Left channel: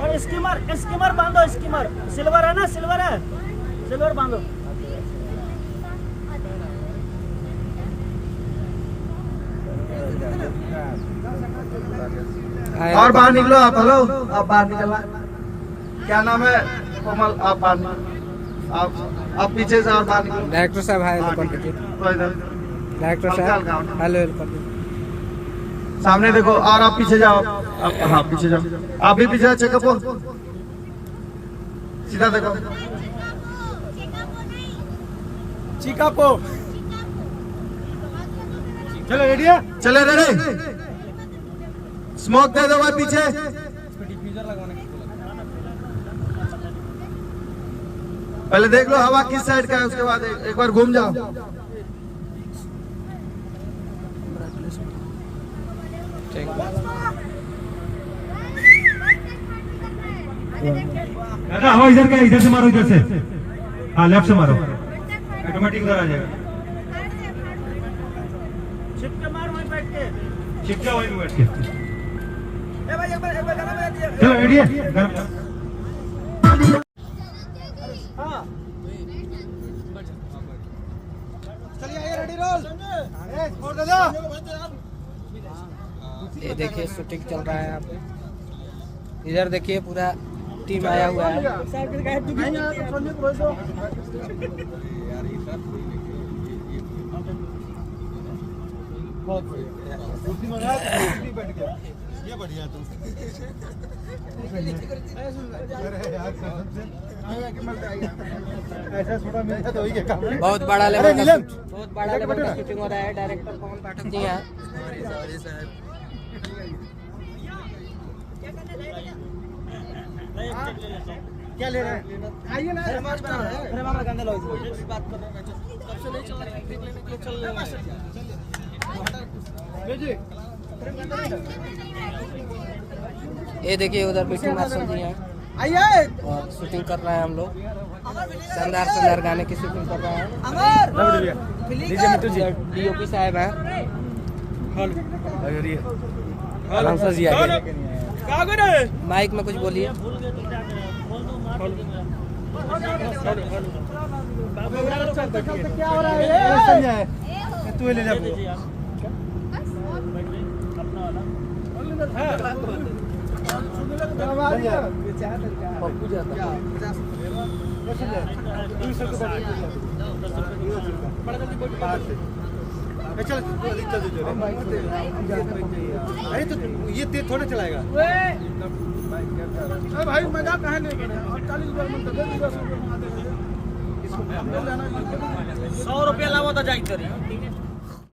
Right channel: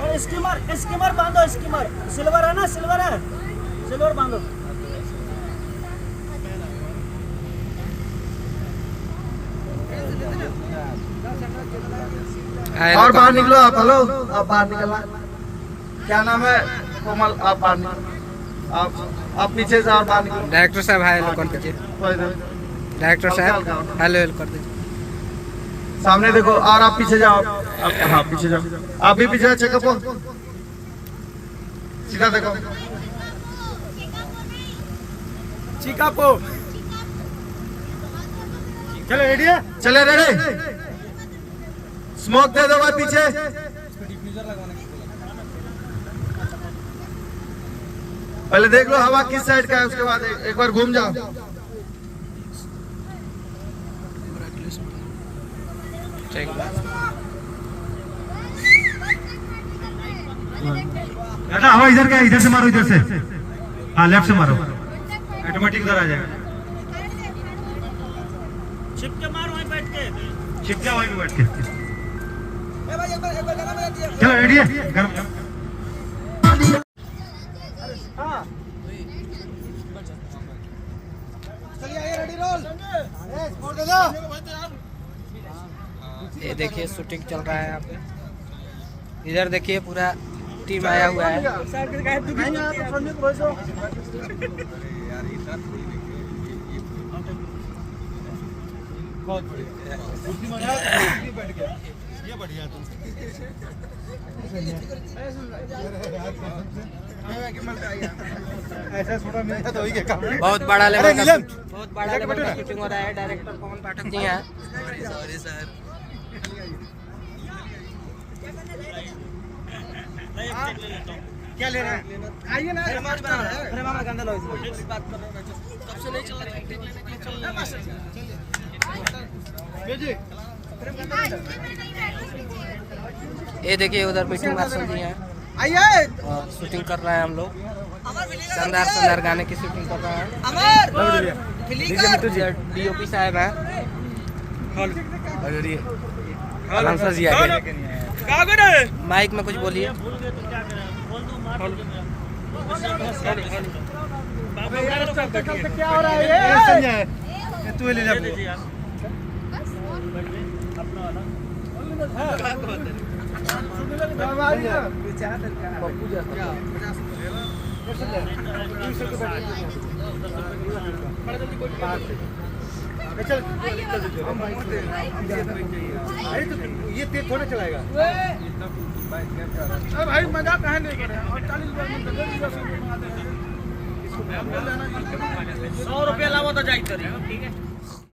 और स्कीमर बांधो, schemer silver है ना, सिल्वर है, सिल्वर बांधो। और बाहर निकलो आप। हेलो, आप बाहर निकलना। क्या नाम है? कोमल, आप बाहर निकलो। आप पीछे से बाहर निकलो। डायरेक्टर साहब हाय हेलो कर दीजिए। डायरेक्टर साहब हेलो हेलो कर दीजिए। सामने देखो और आप पीछे जाओ। आप पीछे जाओ, आप भी पीछे चेकअप हो। सीधा देखो, चिकापो। चले रेडी है? चले रेडी। स्मोक दे दो भाई पीछे। पहले देख लो हवा किस साइड का है, उसके बाद एक बार घूम जाओ। दादा हवा इधर क्या, इधर से मारो, इधर से। हाँ लेफ्ट से मारो, ऑटोमेटिक इधर आ जाएगा। चिपके मारो वहीं बैठ के। चिपके वहीं बैठ के। चलो रेडी है? गरम ये देखिए शूटिंग चल रहा है यहाँ पे। इधर देखिए पूरा टीम आया हुआ है। बहुत बड़ा लेवल का शूटिंग हो रहा है। डायरेक्टर पवन पाठक जी हैं। Sorry sir. क्या ले रहा है? आइए ना, अरे मामा गंदा लो इसको। बात कर रहा हूं, कब से नहीं चल रहा है, चल रहा है। ये देखिए उधर मिट्टू मार्शल जी हैं। आइए, और शूटिंग कर रहे हैं हम लोग। शानदार शानदार गाने की शूटिंग कर रहे हैं। डीओपी साहब हैं। आंसर जी आ गए। माइक में कुछ बोलिए। क्या हो रहा है? तू ले जा। अरे तो ये तेज थोड़ा चलाएगा भाई। मजाक कहाँ नहीं करे। 100 रुपया लावा तो जाए। ठीक है।